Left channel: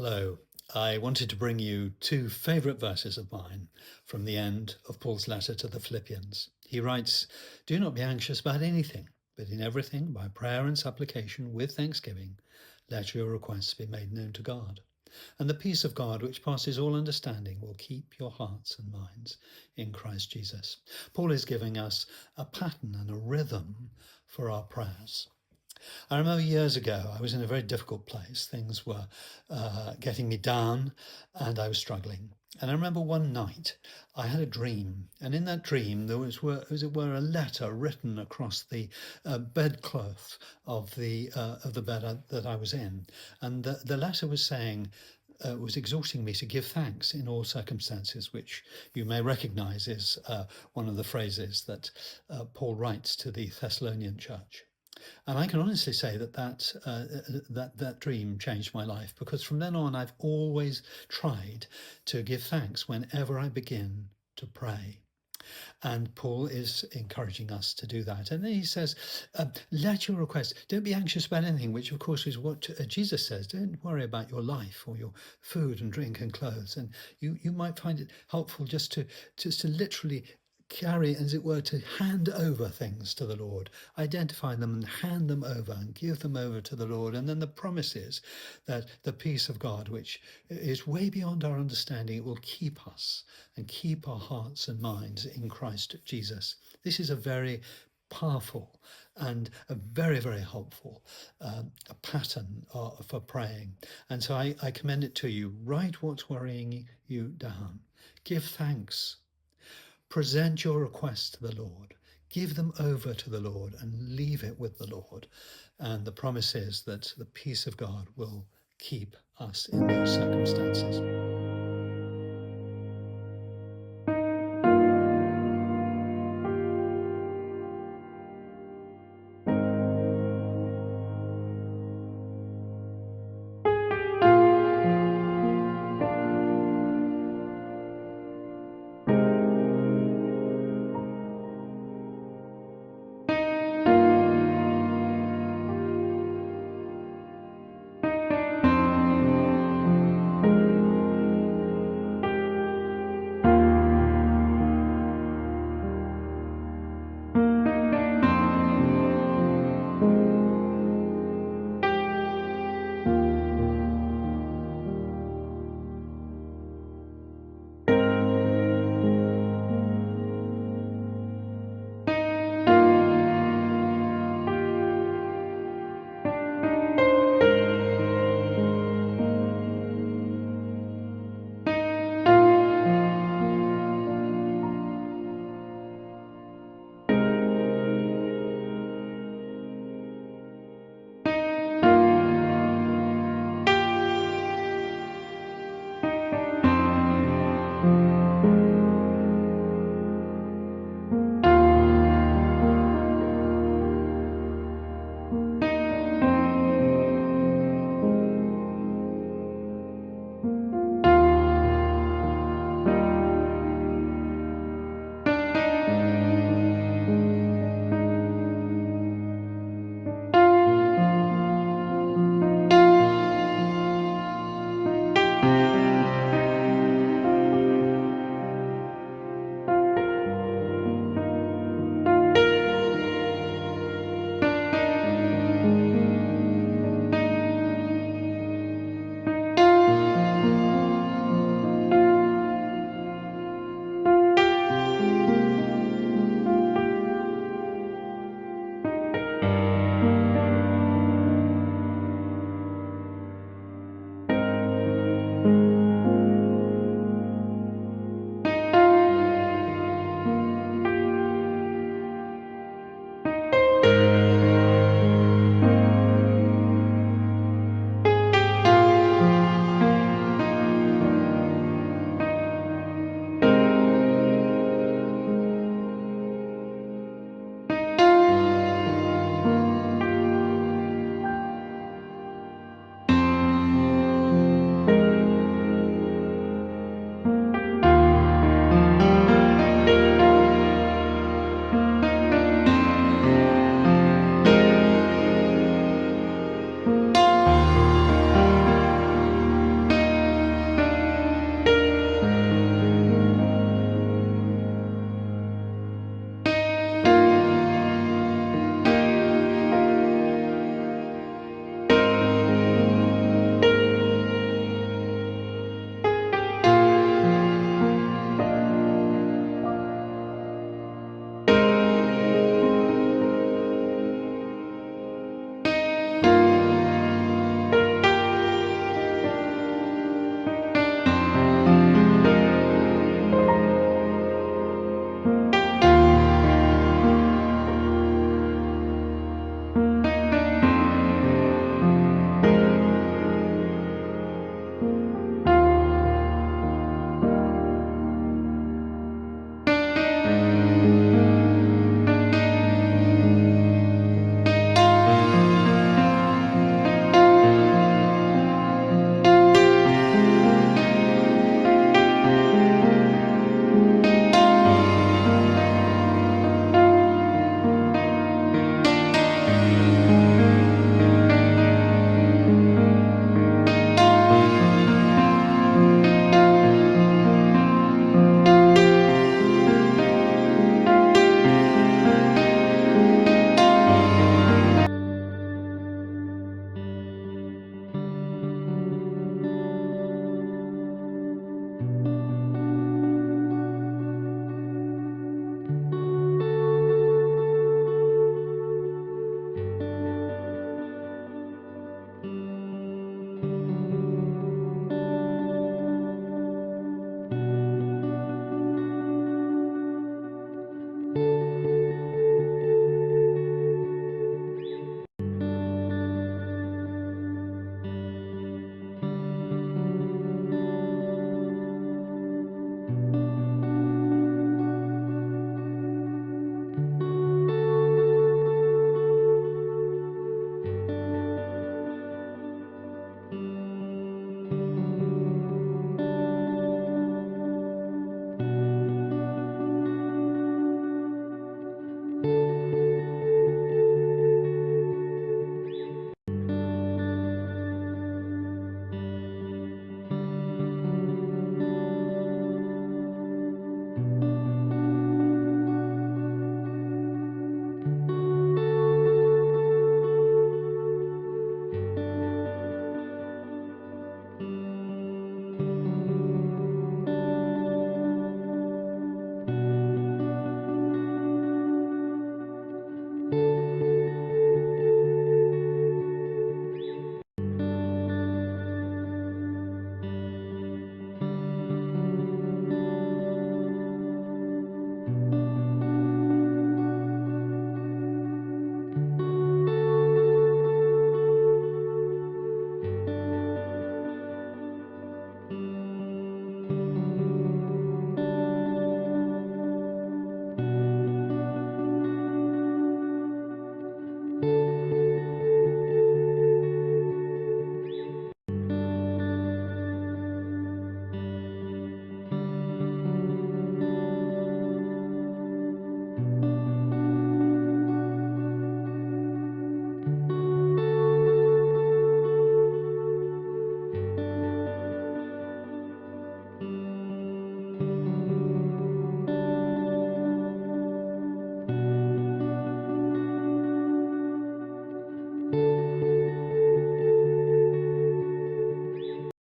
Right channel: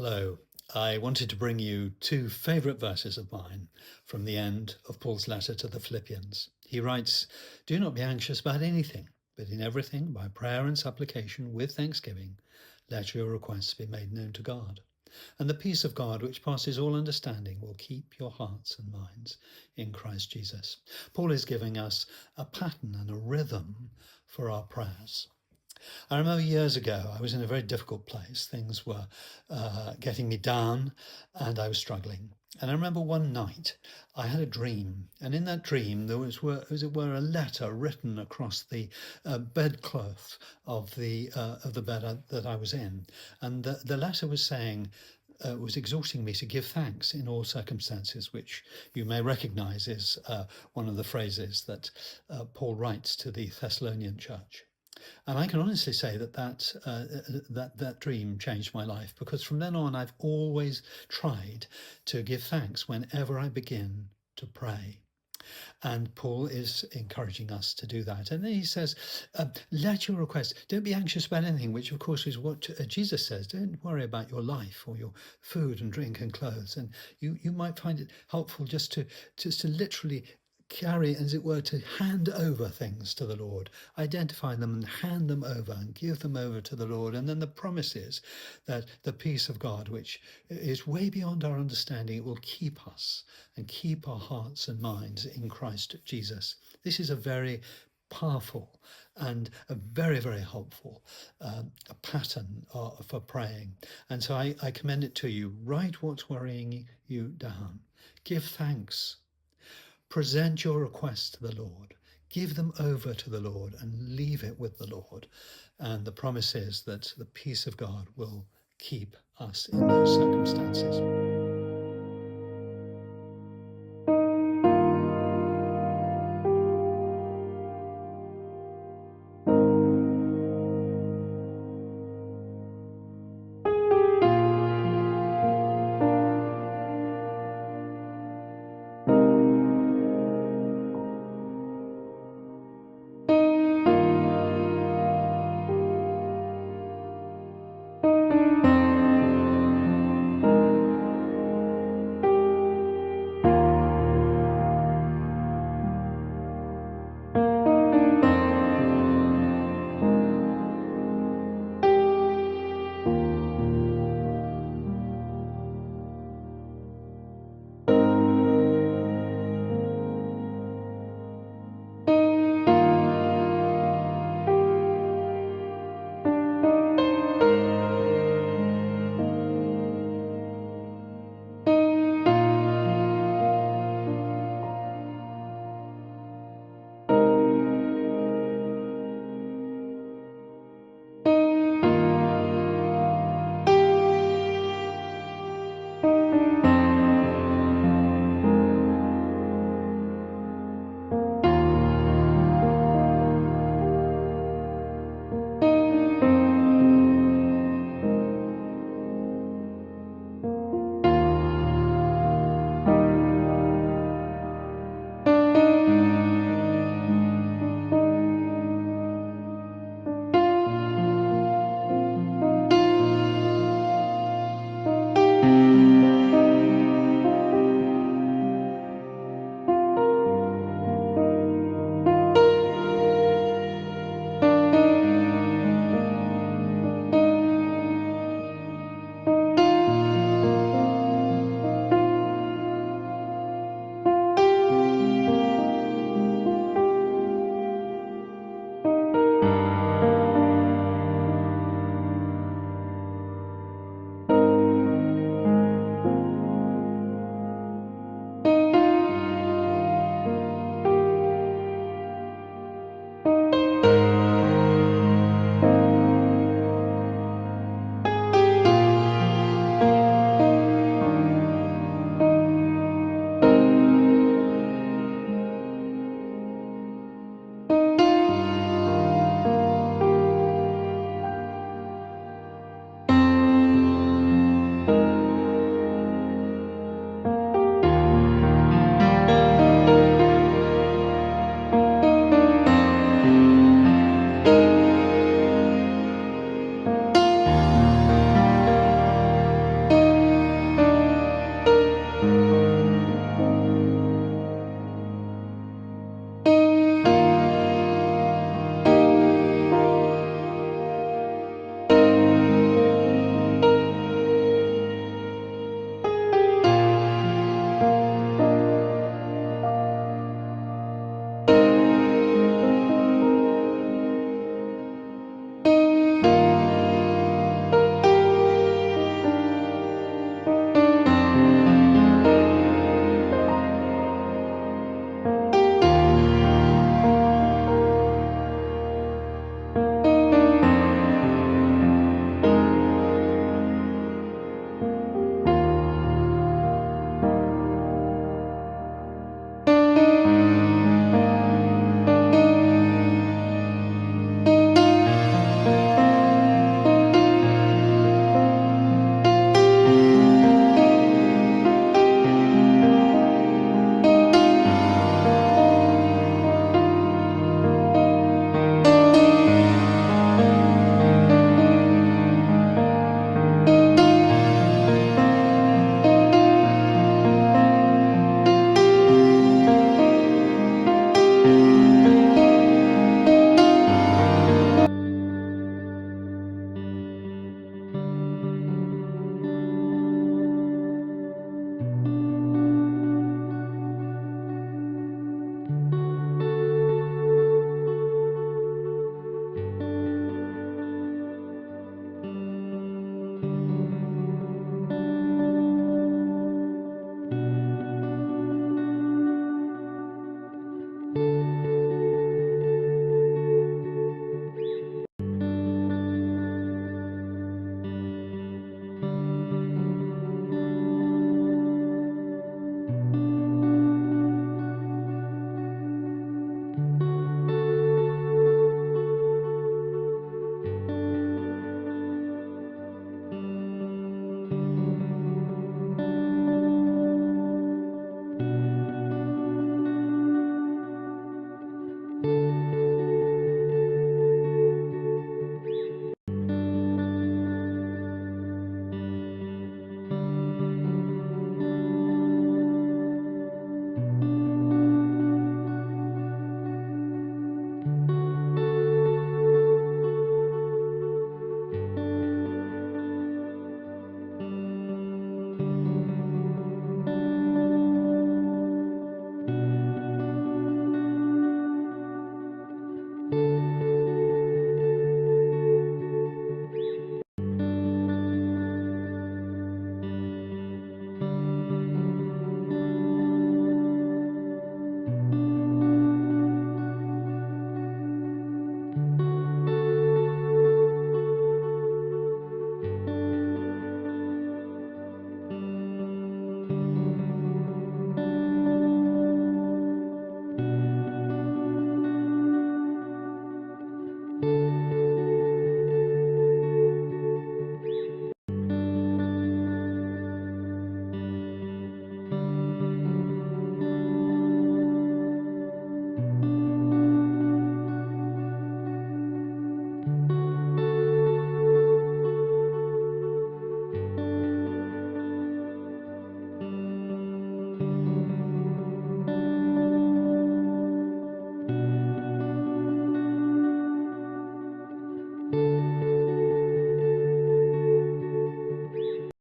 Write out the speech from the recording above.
Hello. I wanted to bring you two favourite verses of mine from the end of Paul's letter to the Philippians. He writes, "Do not be anxious about anything, but in everything, by prayer and supplication, with thanksgiving, let your requests be made known to God. And the peace of God, which passes all understanding, will keep your hearts and minds in Christ Jesus." Paul is giving us a pattern and a rhythm for our prayers. I remember years ago, I was in a very difficult place. Things were getting me down and I was struggling. And I remember one night I had a dream, and in that dream there was, as it were, a letter written across the bedcloth of the bed that I was in, and the letter was saying. Was exhorting me to give thanks in all circumstances, which you may recognize is one of the phrases that Paul writes to the Thessalonian church. And I can honestly say that dream changed my life, because from then on I've always tried to give thanks whenever I begin to pray. And Paul is encouraging us to do that. And then he says, let your requests, don't be anxious about anything, which of course is what Jesus says. Don't worry about your life or your food and drink and clothes. And you might find it helpful just to literally carry, as it were, to hand over things to the Lord, identify them and hand them over and give them over to the Lord. And then the promise is that the peace of God, which is way beyond our understanding, it will keep us and keep our hearts and minds in Christ Jesus. This is a very powerful and a very, very helpful a pattern for praying. And so I commend it to you. Write what's worrying you down. Give thanks. Present your requests to the Lord. Give them over to the Lord and leave it with the Lord. And the promise is that the peace of God will keep us in those circumstances.